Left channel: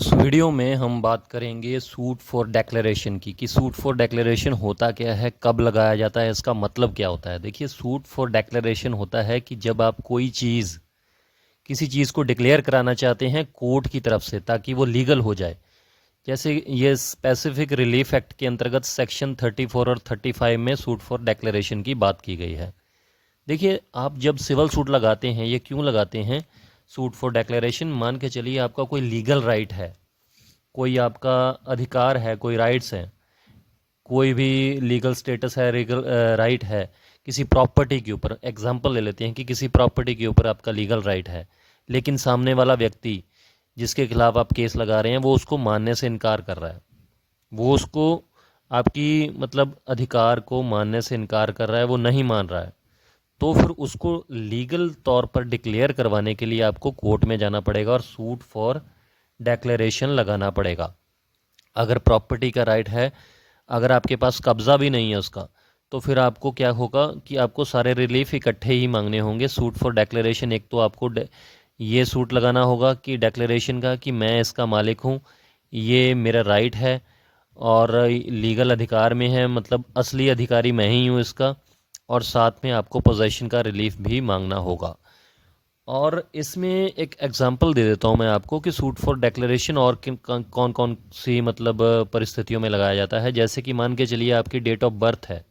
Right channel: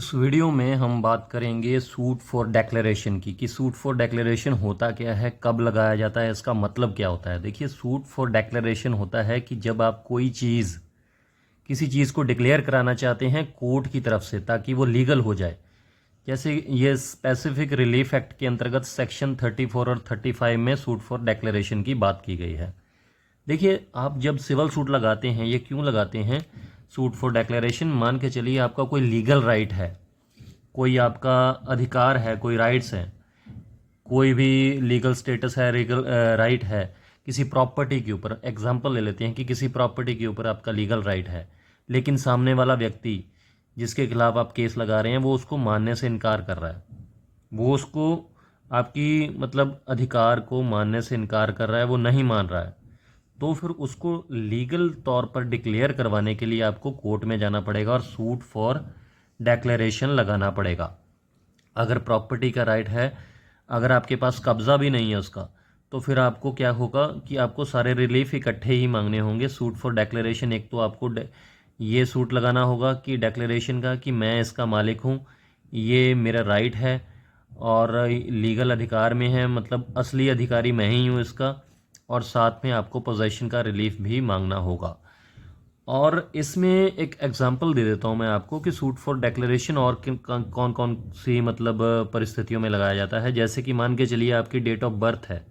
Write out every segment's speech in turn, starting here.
इस वीडियो में हम बात करेंगे सूट फॉर डिक्लेरेशन की कि सूट फॉर डिक्लेरेशन होता क्या है, कब लगाया जाता है, इसका मतलब क्या होता है। देखिए, सूट फॉर डिक्लेरेशन होता है कि जब आप कोई चीज़ किसी चीज़ को डिक्लेयर कराना चाहते हैं कोर्ट की तरफ से ताकि वो लीगल हो जाए। जैसे ये स्पेसिफिक रिलीफ एक्ट के अंतर्गत सेक्शन 34 और 35 में सूट फॉर डिक्लेरेशन की बात की गई है। देखिए, आप जब सिविल सूट लगाते हैं, ये क्यों लगाते हैं? सूट फॉर डिक्लेरेशन, मान के चलिए आपका कोई लीगल राइट है, कोई आपका अधिकार है, कोई राइट्स हैं, कोई भी लीगल स्टेटस है, लीगल राइट है किसी प्रॉपर्टी के ऊपर। एग्जांपल ले लेते हैं कि किसी प्रॉपर्टी के ऊपर आपका लीगल राइट है, लेकिन सामने वाला व्यक्ति जिसके खिलाफ आप केस लगा रहे हैं वो उसको मानने से इनकार कर रहा है। वो उसको आपकी मतलब अधिकार को मानने से इनकार कर रहा है, वो नहीं मान रहा है। तो फिर उसको लीगल तौर पर डिक्लेयर करवाने के लिए आपको कोर्ट में जाना पड़ेगा और सूट फॉर डिक्लेरेशन लगाना पड़ेगा। अगर प्रॉपर्टी का राइट है, अगर आपके पास कब्ज़ा भी नहीं है उसका, तो फिर आपको क्या होगा कि आपको सारे रिलीफ इकट्ठे ही मांगने होंगे। सूट फॉर डिक्लेरेशन, एक तो आपको ये सूट लगाना होगा कि डिक्लेरेशन का कि मैं इसका मालिक हूँ, ये मेरा राइट है और लीगल अधिकार में है, मतलब असली अधिकारी मैं ही हूँ इसका। और साथ में आपको पोजेशन का रिलीफ भी मांगना होगा। और इसमें एक एग्जांपल दे देता हूँ मैं आपको कि सूट फॉर डिक्लेरेशन और कौन कौन सी मतलब परिस्थितियों में लगाया जाता है। जैसे कि मान के चलिए आपकी डेट ऑफ बर्थ है,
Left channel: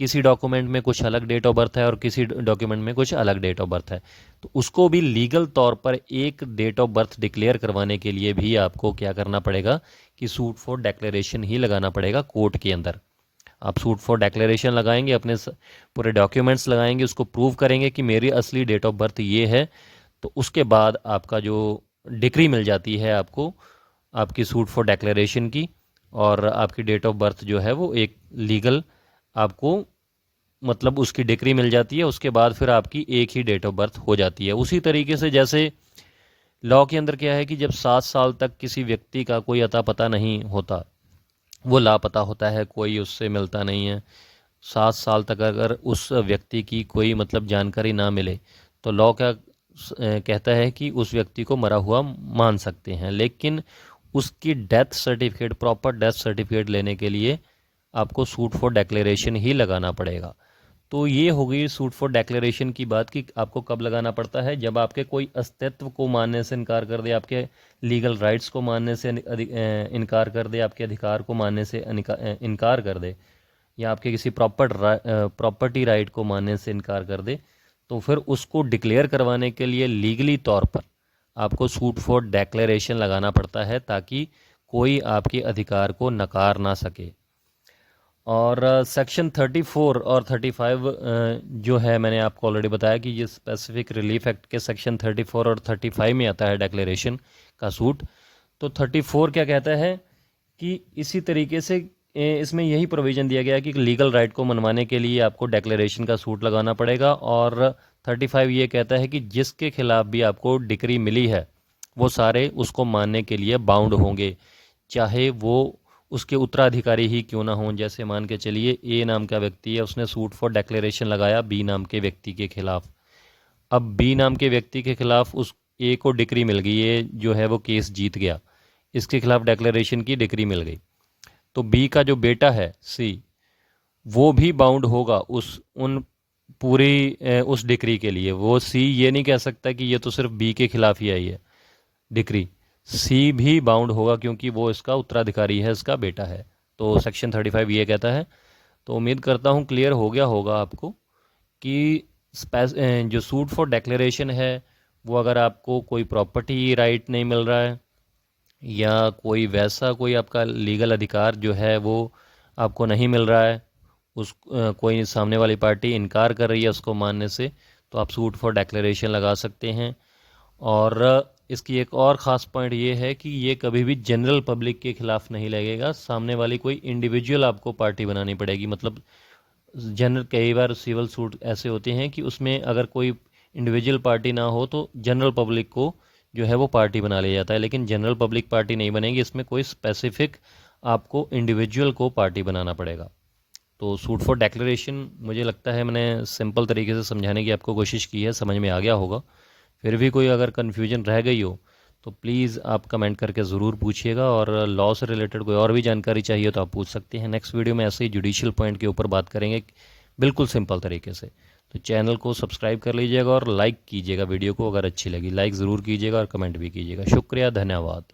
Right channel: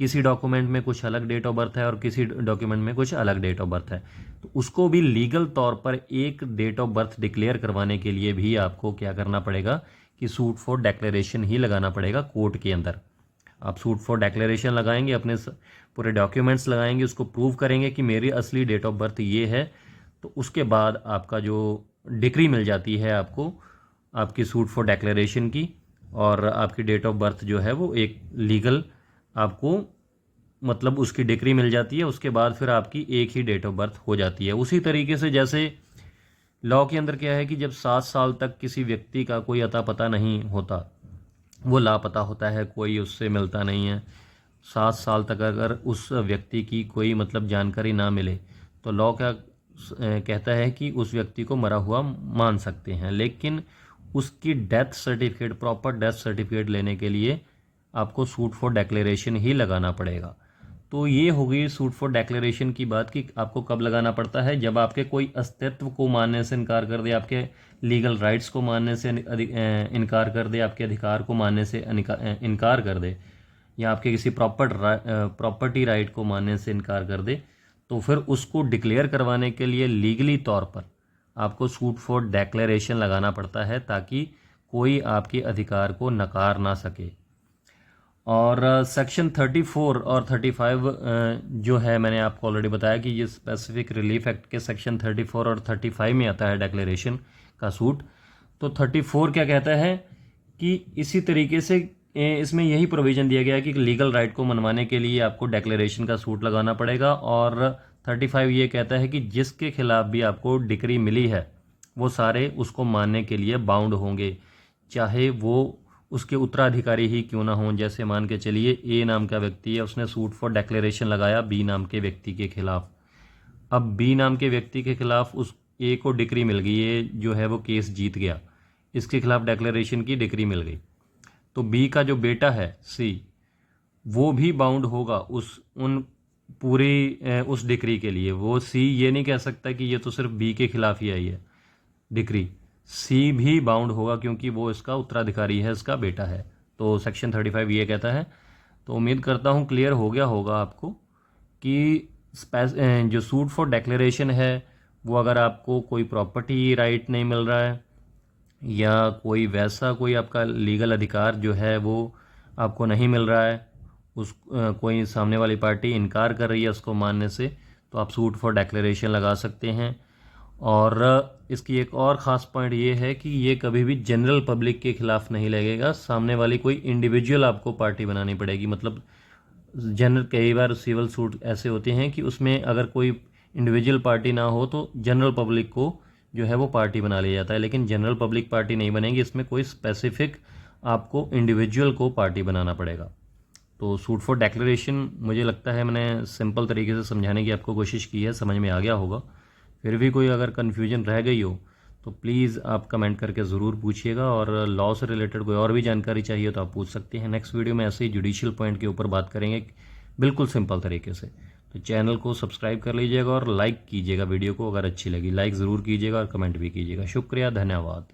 किसी डॉक्यूमेंट में कुछ अलग डेट ऑफ बर्थ है और किसी डॉक्यूमेंट में कुछ अलग डेट ऑफ बर्थ है, तो उसको भी लीगल तौर पर एक डेट ऑफ बर्थ डिक्लेयर करवाने के लिए भी आपको क्या करना पड़ेगा कि सूट फॉर डिक्लेरेशन ही लगाना पड़ेगा कोर्ट के अंदर। आप सूट फॉर डिक्लेरेशन लगाएंगे, अपने पूरे डॉक्यूमेंट्स लगाएंगे, उसको प्रूव करेंगे कि मेरी असली डेट ऑफ बर्थ ये है। तो उसके बाद आपका जो डिक्री मिल जाती है आपको, आपकी सूट फॉर डिक्लेरेशन की, और आपकी डेट ऑफ बर्थ जो है वो एक लीगल आपको मतलब उसकी डिक्री मिल जाती है। उसके बाद फिर आपकी एक ही डेट ऑफ बर्थ हो जाती है। उसी तरीके से जैसे लॉ के अंदर क्या है कि जब 7 साल तक किसी व्यक्ति का कोई अता पता नहीं होता, वो लापता होता है, कोई उससे मिलता नहीं है, 7 साल तक अगर उस व्यक्ति की कोई मतलब जानकारी ना मिले, तो लॉ क्या कहता है कि उस व्यक्ति को मरा हुआ मान सकते हैं। लेकिन उसकी death certificate, proper death certificate लेने के लिए आपको सूट फॉर डिक्लेरेशन ही लगाना पड़ेगा। तो ये हो गई सूट फॉर डिक्लेरेशन की बात कि आपको कब लगाना पड़ता है। जब आपके कोई अस्तित्व को मानने से इनकार कर दे, आपके लीगल राइट्स को मानने से इनकार कर दे, आपके अधिकार को मानने से इनकार कर दे, या आपके किसी प्रॉपर्टी राइट को मानने से इनकार कर दे, तो फिर उसको डिक्लेयर करवाने के लिए लीगली तौर पर आपको सूट फॉर डिक्लेरेशन लगाना पड़ता है ताकि कोई आपके अधिकार को नकार ना सके। और सेक्शन 34 और 35 जो है, मैंने आपको ऑलरेडी बताया कि ये स्पेसिफिक रिलीफ एक्ट के सेक्शन 34 और 35 में आता है डिक्लेरेशन का सूट। तो 34 क्या कहता है कि इसी तरीके से इसमें यही प्रोविज़न दिया गया है कि लीगल राइट को मनवाने के लिए आपको डिक्लेरेशन का सूट लगाना पड़ेगा। और 35 ये कहता है कि जिसके खिलाफ भी आपको डिक्री मिली है वो सारे उसको मानने के लिए बाउंड होंगे, चाहे वो उसके उत्तराधिकारी ही क्यों ना हों। जैसे मान के चलिए ए नाम का व्यक्ति है, उसने सूट फॉर डिक्लेरेशन लगाया बी नाम के व्यक्ति के खिलाफ। अब बी नाम के व्यक्ति के खिलाफ उस ए को डिक्री मिल गई, ये जो है वो केस जीत गया, इसके खिलाफ डिक्लेरेशन की डिक्री मिल गई। तो बी का जो बेटा है सी, वो भी बाउंड होगा उस उन पूरी उस डिक्री के लिए। वो सी ये नहीं कह सकता कि ये तो सिर्फ बी के खिलाफ ही आई है डिक्री, सी भी बाउंड होगा क्योंकि वो इसका उत्तराधिकारी है, इसका बेटा है। तो सेक्शन 35 ये कहता है। तो उम्मीद करता हूँ क्लियर हो गया होगा आपको कि जो सूट फॉर डिक्लेरेशन है वो अगर आपको कोई प्रॉपर्टी राइट नहीं मिल रहा है, या कोई वैसा कोई आपका लीगल अधिकार जो है वो आपको नहीं मिल रहा है, कोई सामने वाली पार्टी इनकार कर रही है उसको मानने से, तो आप सूट फॉर डिक्लेरेशन लगा सकते हैं। और इसकी एक और ख़ास पॉइंट ये है कि ये कभी भी जनरल पब्लिक के ख़िलाफ़ नहीं लगेगा, सामने वाली कोई इंडिविजुअल आपको पार्टी बनानी पड़ेगी। मतलब जनरल कई बार सिविल सूट ऐसे होते हैं कि उसमें अगर कोई इंडिविजुअल पार्टी ना हो तो जनरल पब्लिक को जो है वो पार्टी बना लिया जाता है, लेकिन जनरल पब्लिक पार्टी नहीं बनेगी, इसमें कोई स्पेसिफिक आपको इंडिविजुअल को पार्टी बनाना पड़ेगा। तो सूट फॉर डिक्लेरेशन मुझे लगता है मैंने सिंपल तरीके से समझाने की आपको कोशिश की है, समझ में आ गया होगा। फिर भी कोई अगर कन्फ्यूजन रह गई हो तो प्लीज़ आप कमेंट करके ज़रूर पूछिएगा, और लॉ से रिलेटेड कोई और भी जानकारी चाहिए तो आप पूछ सकते हैं। नेक्स्ट वीडियो में ऐसे ही जुडिशियल पॉइंट के ऊपर बात करेंगे, बिल्कुल सिंपल तरीके से। तो चैनल को सब्सक्राइब कर लीजिएगा और लाइक कीजिएगा वीडियो को, अगर अच्छी लगी लाइक ज़रूर कीजिएगा और कमेंट भी कीजिएगा। शुक्रिया, धन्यवाद।